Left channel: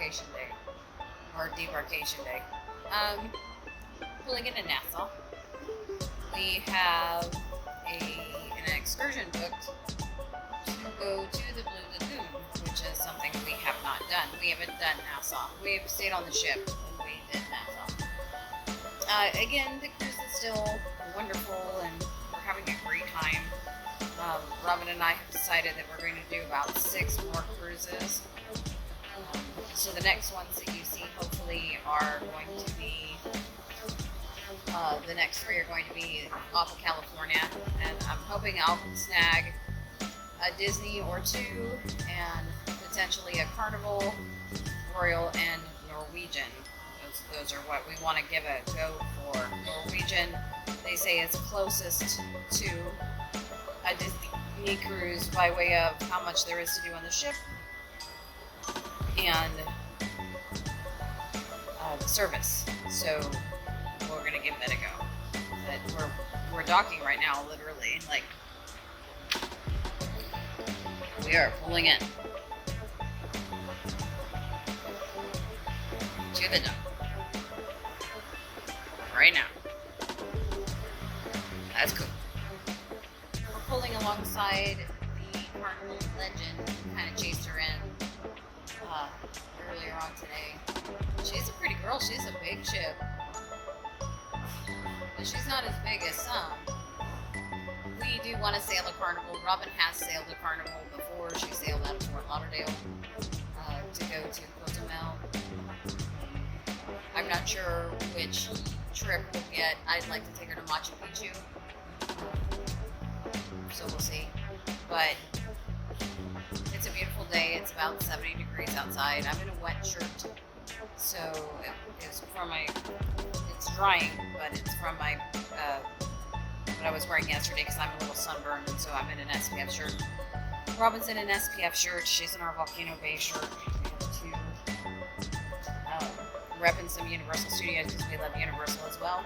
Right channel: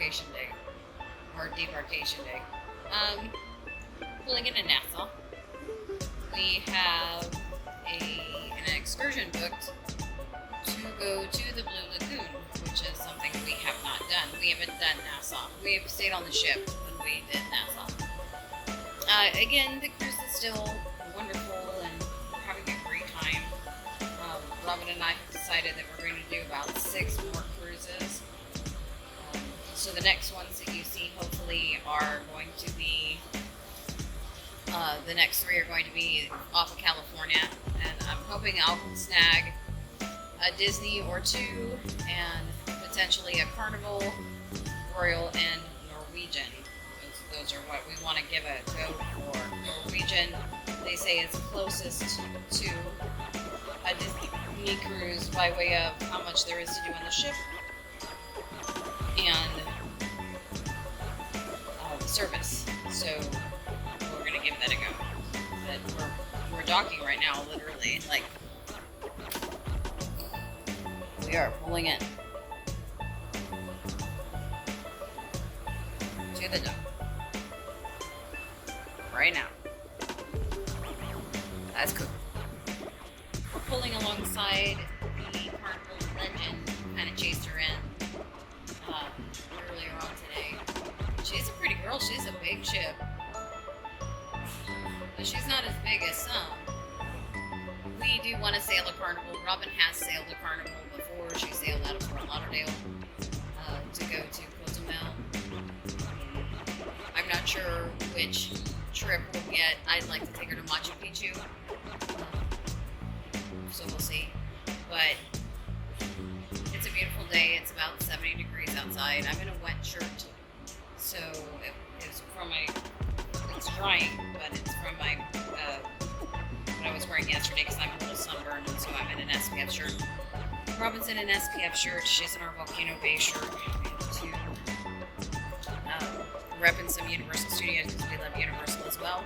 demarcation day. Or debarkation day. Pulling into Nassau. We have an excursion booked to go to the Blue Lagoon, which is something we have not done. We haven't done Nassau. We've stayed on the ship when we did Nassau. Again, the cruise is still wonderful and we're having a great time. Robin and I have decided that we're going to do about 6 more cruises. So the next ones that you see hopefully are going to be, the next 3 are going to be off of California, and I'm hoping I'll snag a Disney or 2 and potentially a Carnival, Royal, and Norwegian. Those are what we want to give a go for. Norwegian, they say it's closest to a Disney cruise by way of how much there is to do on the ship and service. So we're gonna give that a go. But we're docking right now, literally. Like, we are pulling in to the dock right now. That's cool. We're pulling alongside the Carnival Legend. Kind of chased her in earlier on today. She's a pretty girl. She's a big ship. But she's not as big as some. We do want to sail a Carnival. Robin has sailed a Carnival before. She sailed out of Fort Lauderdale to go to Cozumel. I'm not sure which trip we'll get. I'd like to take her to Machu Picchu. So we'll see. But it's a beautiful day. It's about 70 degrees outside. I'm in a wet shirt. So it's from my, it's drying, but it's from my, what I was wearing yesterday because I'm a little sunburned, and so I'm in an SPF shirt. Robin's in an SPF shirt. She's in our Volcano Bay shirt. We have to repping some Universal Studios because we love Universal as well.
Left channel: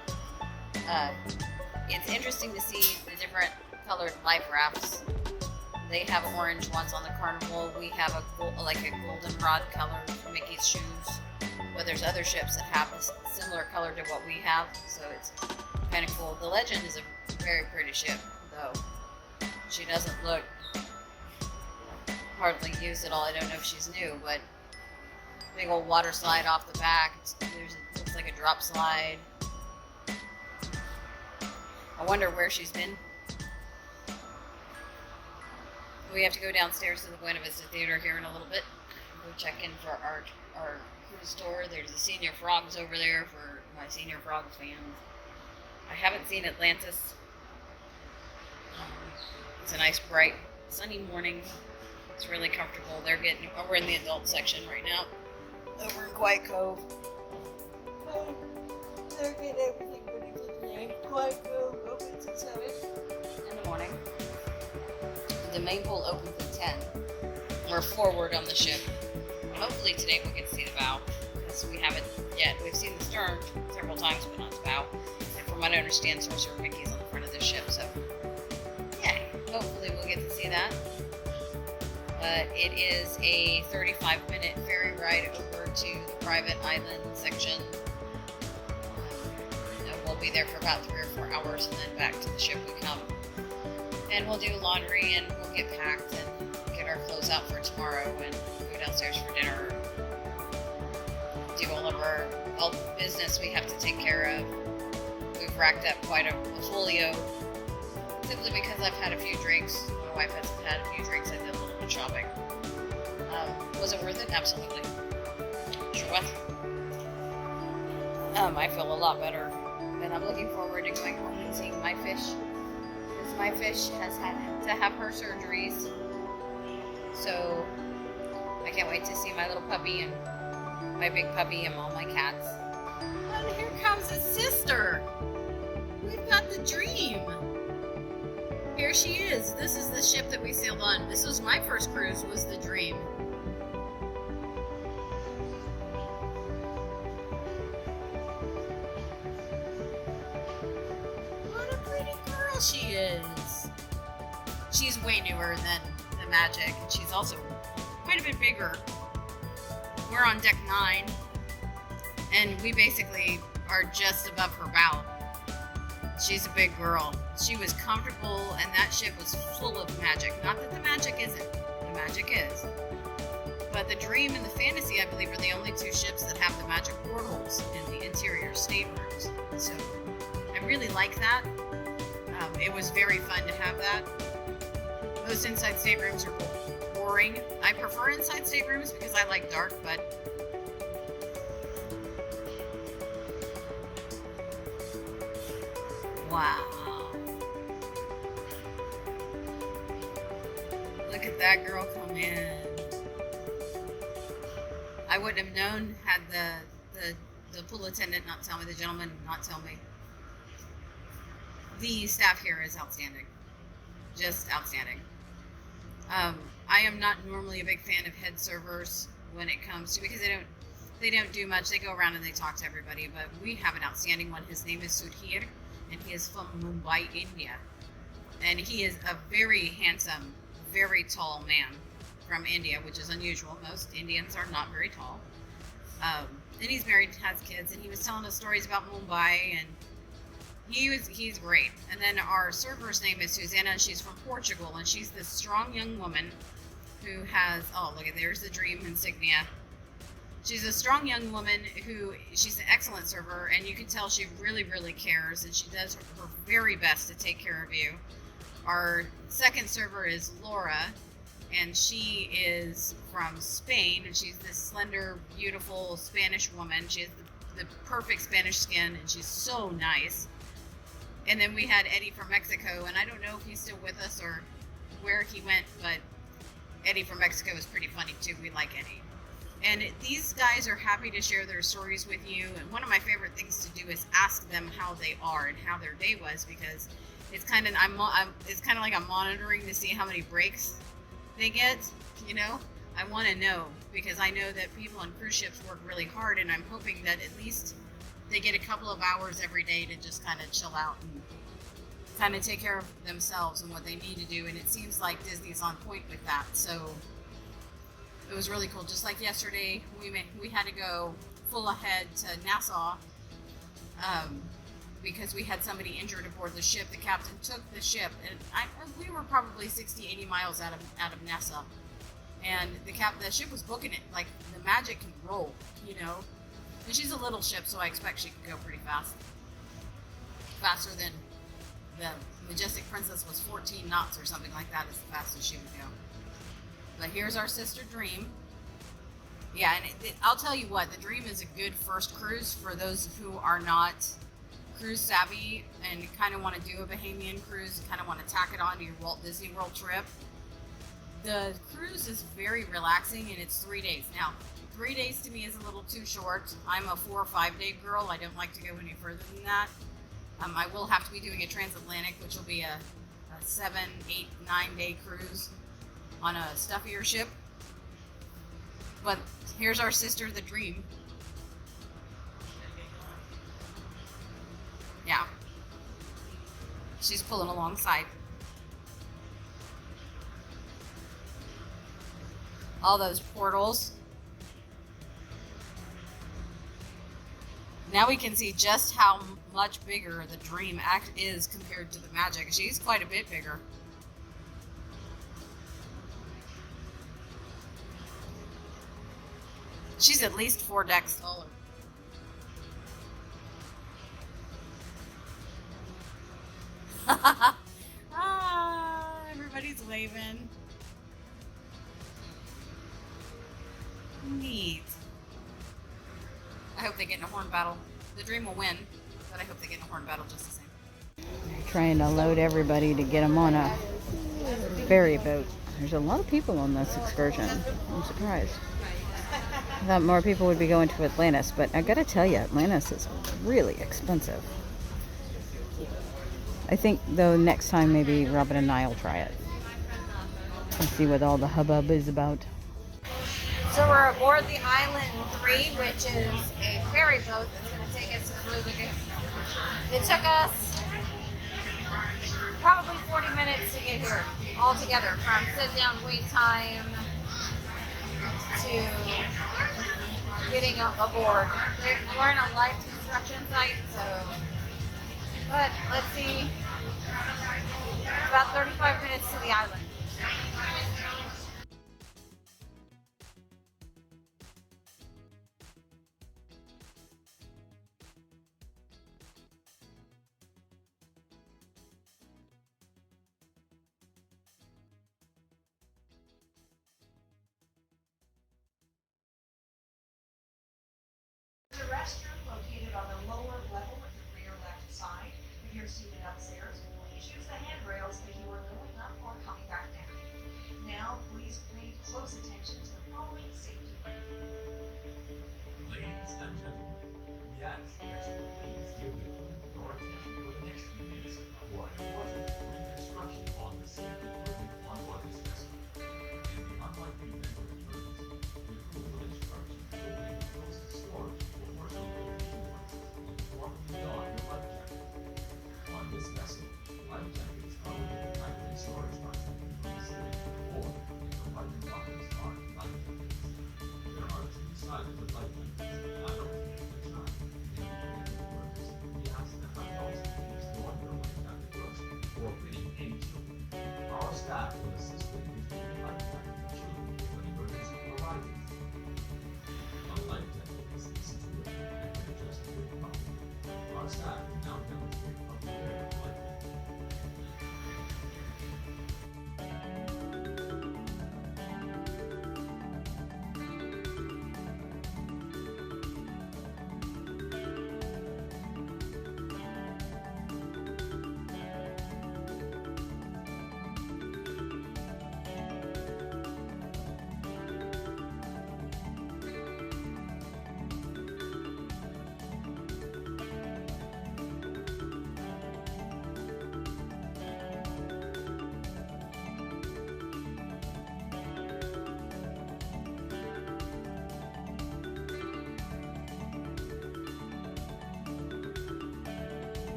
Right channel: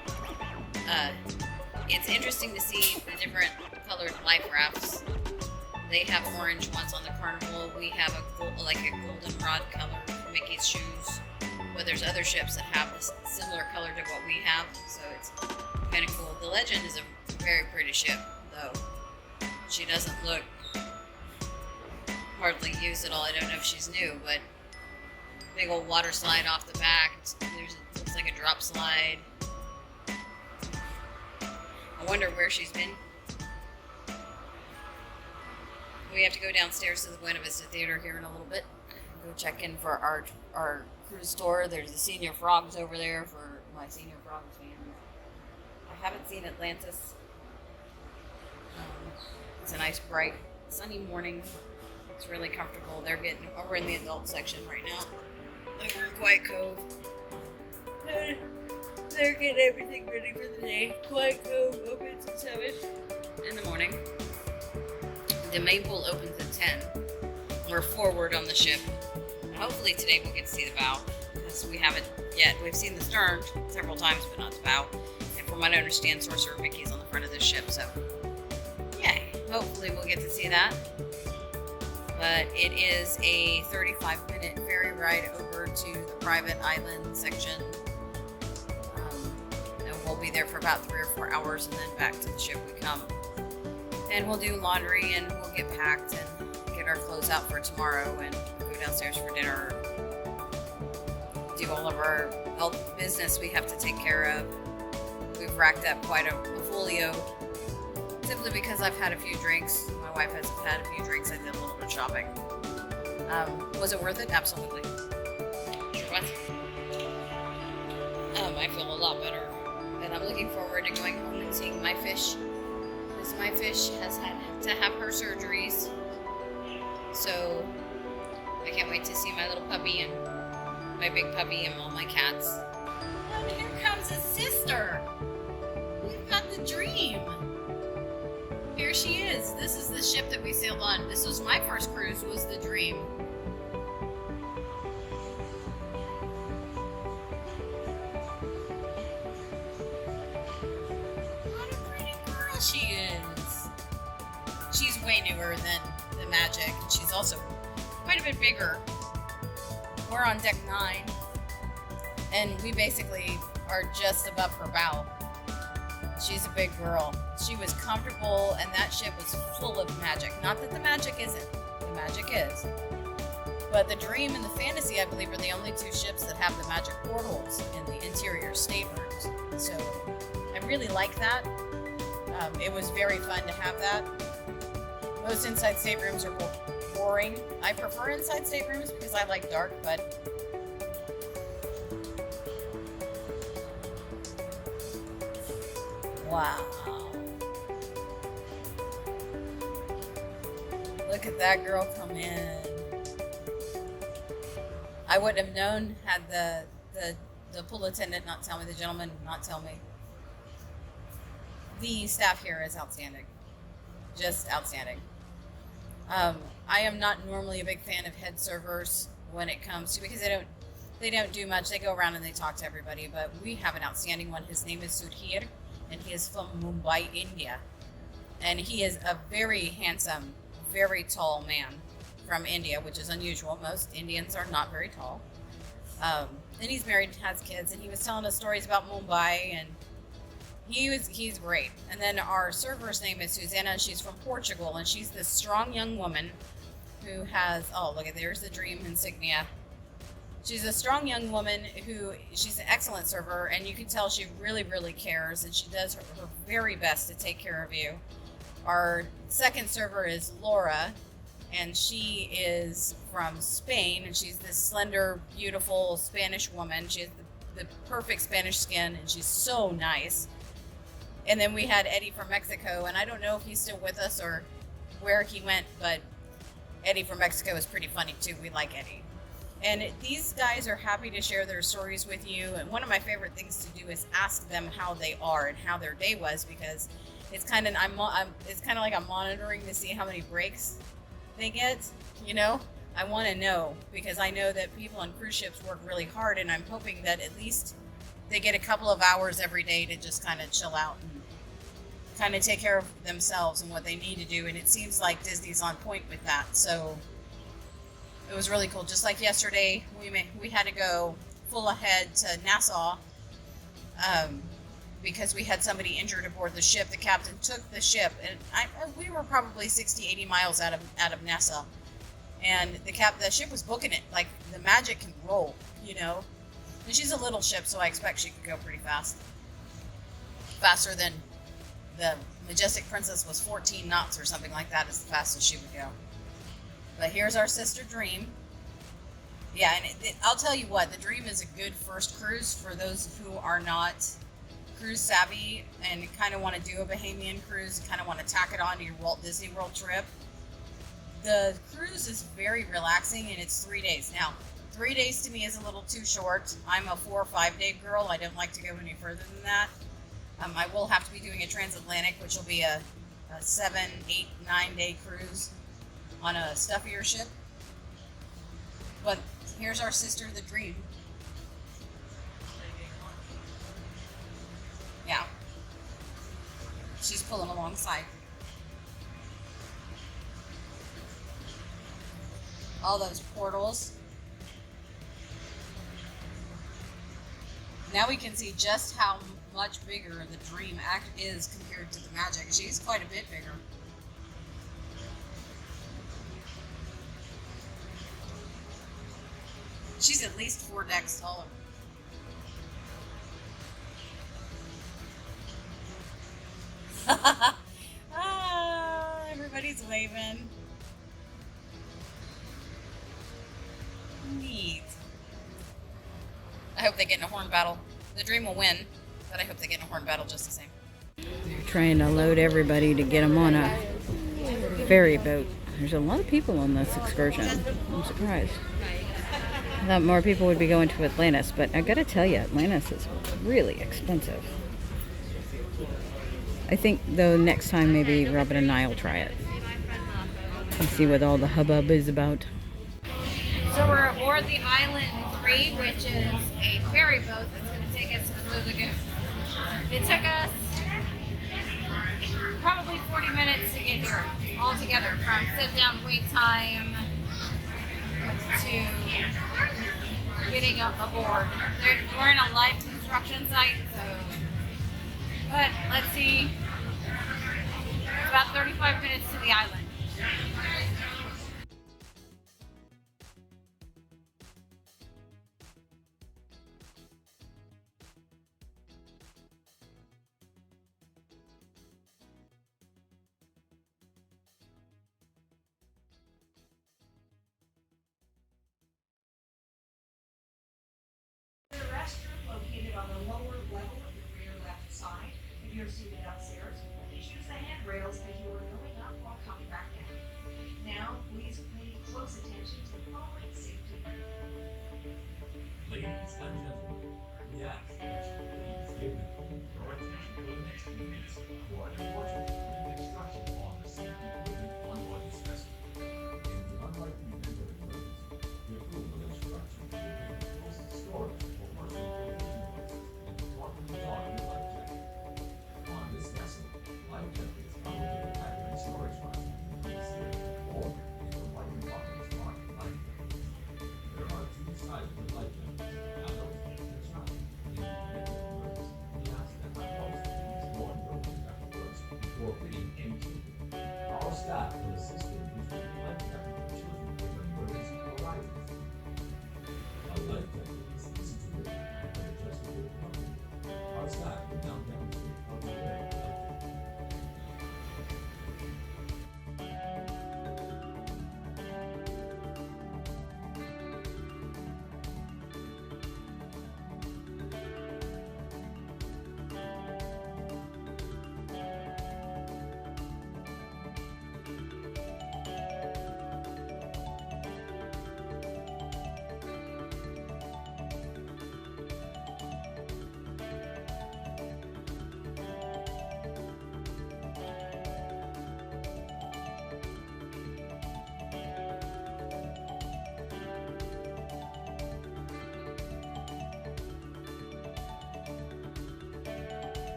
It's interesting to see the different colored life rafts. They have orange ones on the Carnival. We have a goldenrod color for Mickey's shoes. But there's other ships that have this similar color to what we have, so it's kind of cool. The Legend is a very pretty ship, though. She doesn't look hardly used at all. I don't know if she's new, but big old water slide off the back. Looks like a drop slide. I wonder where she's been. We have to go downstairs to the Buena Vista Theater here in a little bit. Go check in for our cruise tour. There's the Senior Frogs over there for my Senior Frogs fans. I haven't seen Atlantis. It's a nice, bright, sunny morning. It's really comfortable. We're in the adult section right now. Over in Quiet Cove. They're getting everything ready for the day. Quiet Cove opens at 7 in the morning. The main pool opens at 10. We're forward on the ship. Hopefully today we'll get to see the bow, because we haven't yet. We've seen the stern several times, but not the bow. And from what I understand, Sorcerer Mickey's on the front of the ship, so yeah, hopefully we'll get to see that. But it is a 35-minute ferry ride over to the private island section. And we'll be there for about 3 or 4 hours, and then back to the ship we come. And we'll do laundry, and we'll get packed and get our clothes out for tomorrow, and go downstairs for dinner. Do all the business we have to take care of. We've racked up quite a portfolio, simply because I've had a few drinks. My wife has had a few drinks. I did a little bit of shopping. Was it worth it? Absolutely. Sure was. I feel a lot better, and I'm looking forward to going home and seeing my fish. Because my fish has had to have her surgeries, so I can't wait to see my little puppy and my big puppy and all my cats. And here comes his sister. We've got the Dream. Here she is. This is the ship that we sailed on. This was my first cruise, was the Dream. What a pretty girl she is. She's way newer than the Magic, and she's also quite a bit bigger. we're on deck 9, and we basically are just above her bow. She's a big girl. She was comfortable, and that ship was full of magic. Not that the magic isn't. The magic is. But the Dream and the Fantasy, I believe, are the only 2 ships that have the magic portals in the interior staterooms. So I really like that. It was very fun to have that. Most inside staterooms are boring. I prefer inside staterooms because I like dark, but wow. Look at that girl come in. I wouldn't have known had the pool attendant not tell me, the gentleman not tell me. The staff here is outstanding. Just outstanding. I am not normally a big fan of head servers when it comes to, because they don't do much. They go around and they talk to everybody, but we have an outstanding one. His name is Sudhir, and he is from Mumbai, India. And he is a very handsome, very tall man from India, which is unusual. Most Indians are not very tall. And he's married, has kids, and he was telling us stories about Mumbai, and he's great. And then our server's name is Susanna. She's from Portugal, and she's this strong young woman who has, oh, look at, there's the Dream insignia. She's a strong young woman she's an excellent server, and you can tell she really, really cares, and she does her very best to take care of you. Our second server is Laura, and she is from Spain, and she's this slender, beautiful Spanish woman. She has the perfect Spanish skin, and she's so nice. And then we had Eddie from Mexico, and I don't know if he's still with us or where he went, but Eddie from Mexico is pretty funny too. We like Eddie. And these guys are happy to share their stories with you. And one of my favorite things to do is ask them how they are and how their day was, because it's kind of like I'm monitoring to see how many breaks they get. You know, I want to know, because I know that people on cruise ships work really hard, and I'm hoping that at least they get a couple of hours every day to just kind of chill out and kind of take care of themselves and what they need to do. And it seems like Disney's on point with that. So it was really cool. Just like yesterday, we had to go full ahead to Nassau because we had somebody injured aboard the ship. The captain took the ship, and we were probably 60, 80 miles out of Nassau. And the ship was booking it. Like, the Magic can roll, you know. And she's a little ship, so I expect she could go pretty fast. Faster than the Majestic Princess was 14 knots or something like that is the fastest she would go. But here's our sister Dream. Yeah, and I'll tell you what, the Dream is a good first cruise for those who are not cruise savvy and kind of want to do a Bahamian cruise, kind of want to tack it on to your Walt Disney World trip. The cruise is very relaxing, and it's 3 days. Now, 3 days to me is a little too short. I'm a 4 or 5 day girl. I don't like to go any further than that. I will have to be doing a transatlantic, which will be a 7, 8, 9 day cruise on a stuffier ship. But here's our sister, the Dream. Yeah. She's pulling alongside. All those portals. Now we can see just how much bigger the Dream is compared to the Magic. She's quite a bit bigger. She's at least 4 decks taller. Everybody's waving. Neat. I hope they get in a horn battle. The Dream will win, but I hope they get in a horn battle just the same. They're trying to load everybody to get them on a ferry boat. There's a lot of people on this excursion. I'm surprised. I thought more people would be going to Atlantis, but I gotta tell you, Atlantis is really expensive. I think, though, next time maybe Robin and I will try it and see what all the hubbub is about. So we're aboard the Island 3, which is a ferry boat that's going to take us to the Blue Lagoon. It took us probably 40 minutes to get here altogether, from sit-down wait time to getting aboard. We're in a live construction site, so. But let's see. It's about 35 minutes to the island. The restroom located on the lower level of the rear left side. If you're seated upstairs, please use the handrails as you are going up or coming back down. Now, please pay close attention to the following safety. Ladies and gentlemen, we ask that you please give your attention for the next few minutes for an important instruction on the safety equipment on board this vessel. In the unlikely event of emergency, the crew will instruct you to open the closest storage for personal protection devices and properly don your life jacket. On this vessel, life jackets come with either in storage line in the ceiling or in the lighting pockets marked life jackets. There are two sides of the life jacket. Now don't forget to shine. In the event of emergency, we ask that the host please warn your life jacket first before fitting any children. Our staff will assist in issuing the life jacket to children if an emergency arises. A life jacket is easy to wear and can adjust to your comfort. Our staff will now demonstrate how to wear a life jacket.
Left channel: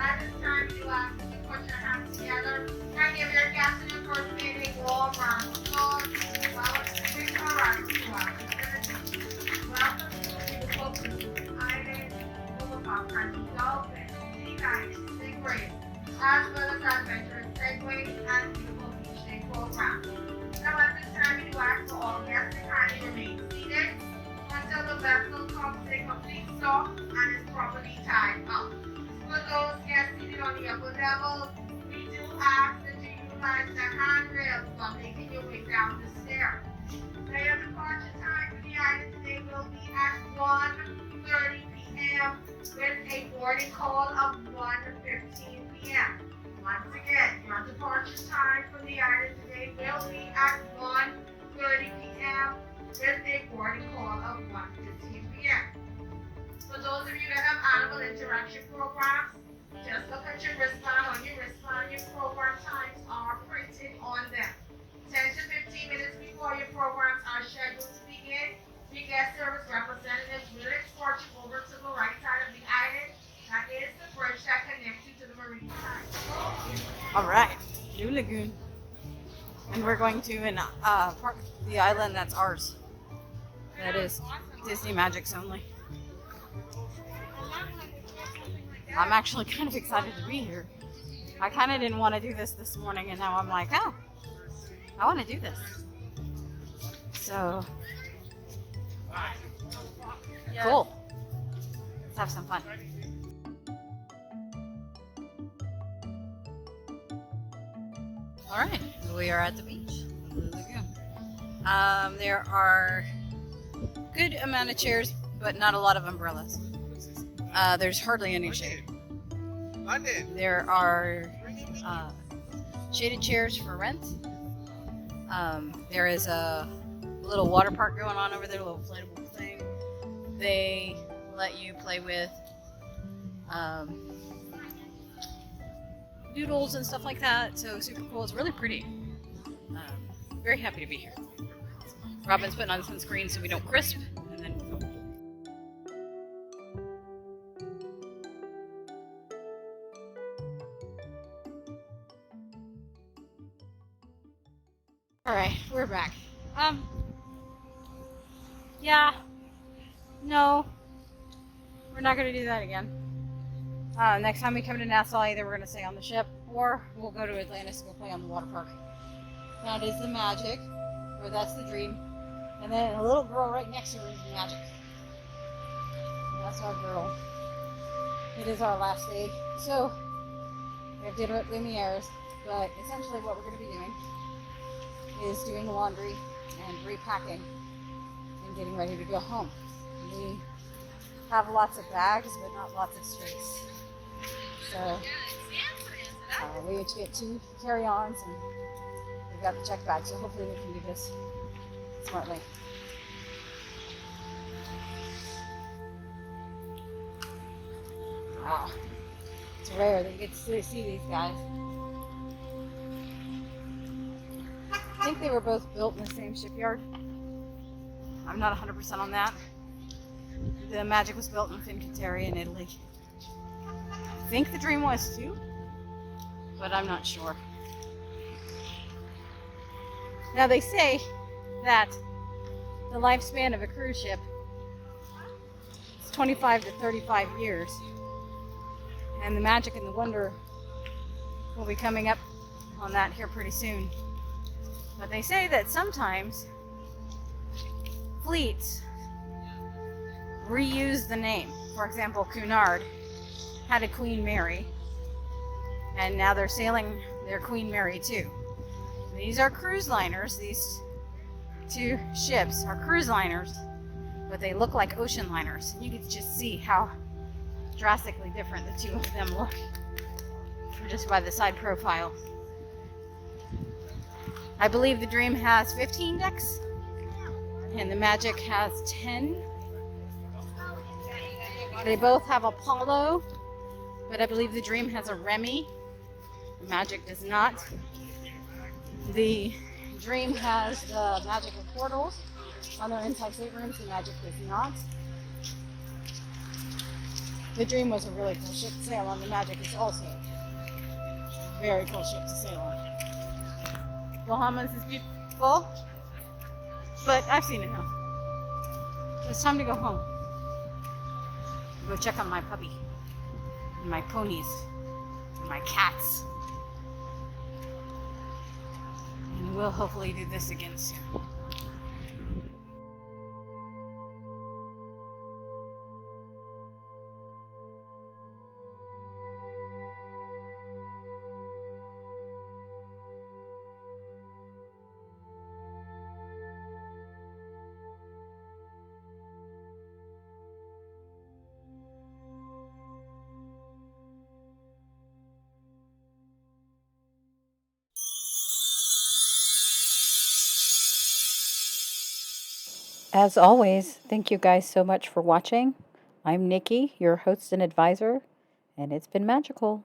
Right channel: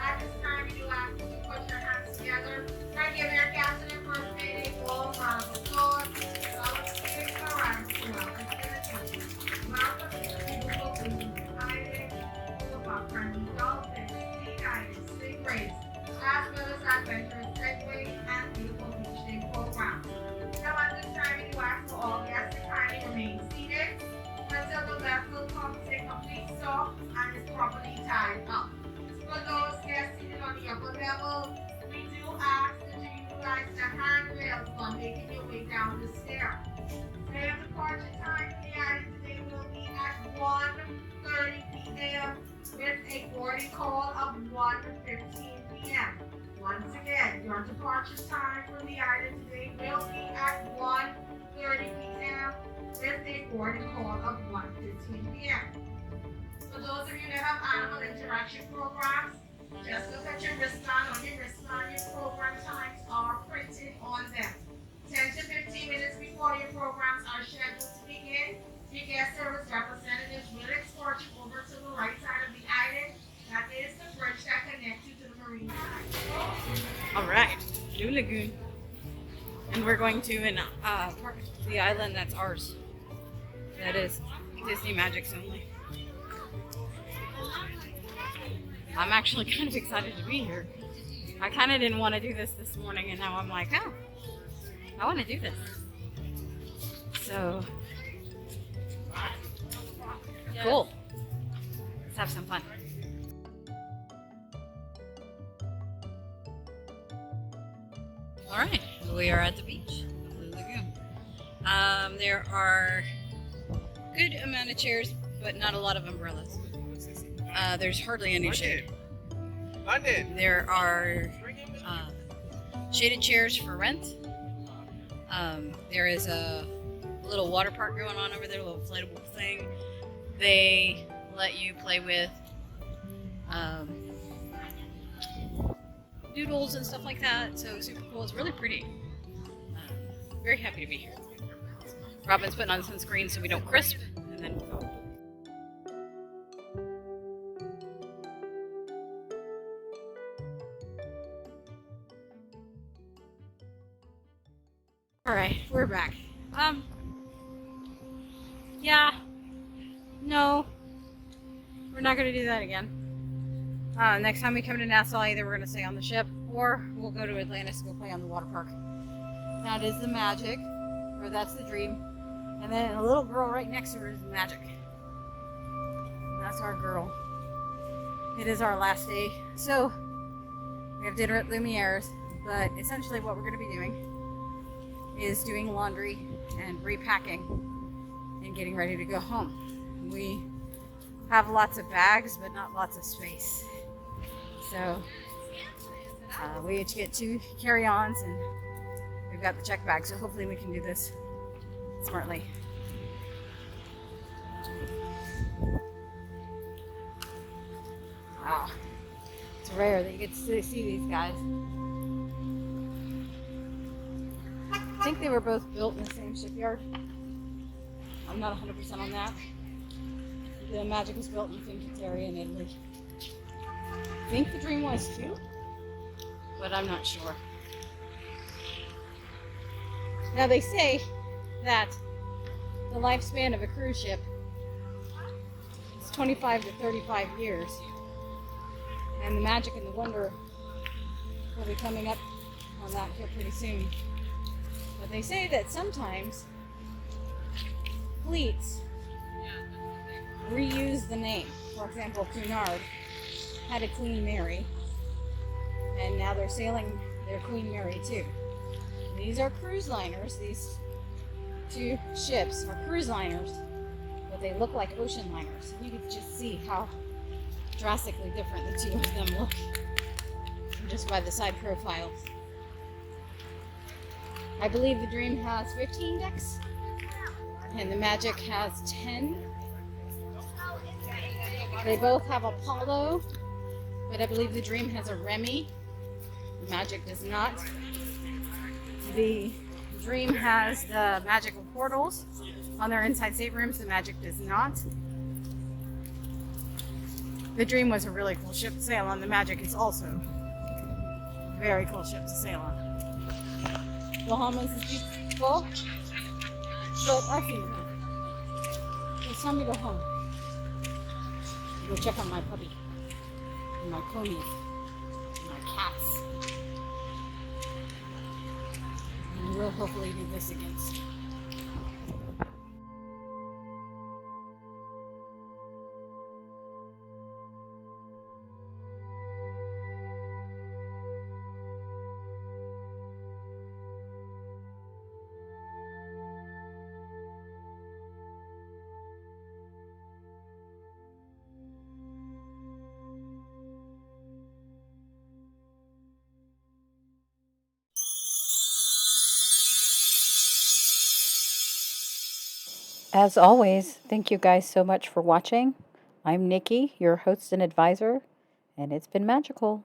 At this time, you ask you to put your hands together and give your captain and first mate a warm round of applause. Big round to our facility. Welcome to the beautiful Princess Island, full of our friendly dolphins, sea lions, sea grays, as well as adventurous segways and beautiful beach day programs. Now at this time, we do ask for all guests to kindly remain seated until the vessel comes to a complete stop and is properly tied up. For those guests seated on the upper level, we do ask that you utilize the handrails while making your way down the stairs. So your departure time for the island today will be at 1:30 p.m. with a boarding call of 1:15 p.m. Once again, your departure time from the island today will be at 1:30 p.m. with a boarding call of 1:15 p.m. For those of you that have animal interaction programs, just look at your wristband. On your wristband, your program times are printed on them. 10 to 15 minutes before your programs are scheduled to begin, your guest service representatives will escort you over to the right side of the island. That is the bridge that connects you to the marine side. All right, Blue Lagoon. And we're going to part of the island that's ours. That is Disney Magics only. I'm actually kind of excited to be here. I kind of didn't want to do this morning, and now I'm like, oh, I want to do this. So Cool. Let's have some fun. All right, we are at the beach, the Blue Lagoon. There are good amount of chairs, but not a lot of umbrellas. There's hardly any shade. There are shaded chairs for rent. There is a little water park going on over there, a little inflatable thing. They let you play with noodles and stuff like that, so super cool. It's really pretty. Very happy to be here. Robin's putting on sunscreen so we don't crisp, and then we'll go. Alright, we're back. Yeah, no, we're not going to do that again. Next time we come to Nassau, either we're going to stay on the ship or we'll go to Atlantis to go play on the water park. That is the Magic, or that's the Dream. And then a little girl right next to her is the Magic. And that's our girl. It is our last day. So, we have dinner at Lumiere's, but essentially what we're going to be doing is doing laundry and repacking and getting ready to go home. We have lots of bags, but not lots of space. So we each get 2 carry-ons, and we've got the check bag, so hopefully we can do this smartly. Wow, it's rare that you get to see these guys. I think they were both built in the same shipyard. I'm not 100% on that. The Magic was built in Fincantieri in Italy. I think the Dream was too, but I'm not sure. Now they say that the lifespan of a cruise ship is 25 to 35 years, and the Magic and the Wonder will be coming up on that here pretty soon. But they say that sometimes fleets reuse the name. For example, Cunard had a Queen Mary, and now they're sailing their Queen Mary too. These are cruise liners. These 2 ships are cruise liners, but they look like ocean liners. You can just see how drastically different the 2 of them look just by the side profiles. I believe the Dream has 15 decks, and the Magic has 10. They both have Apollo, but I believe the Dream has a Remy. The Magic does not. The Dream has the magical portals on their inside staterooms. The Magic does not. The Dream was a really cool ship to sail on. The Magic is also a very cool ship to sail on. Bahamas is beautiful, but I've seen enough. It's time to go home. Go check on my puppy, and my ponies, and my cats. And we'll hopefully do this again soon. As always, thank you guys so much for watching. I'm Nikki, your host and advisor, and it's been magical.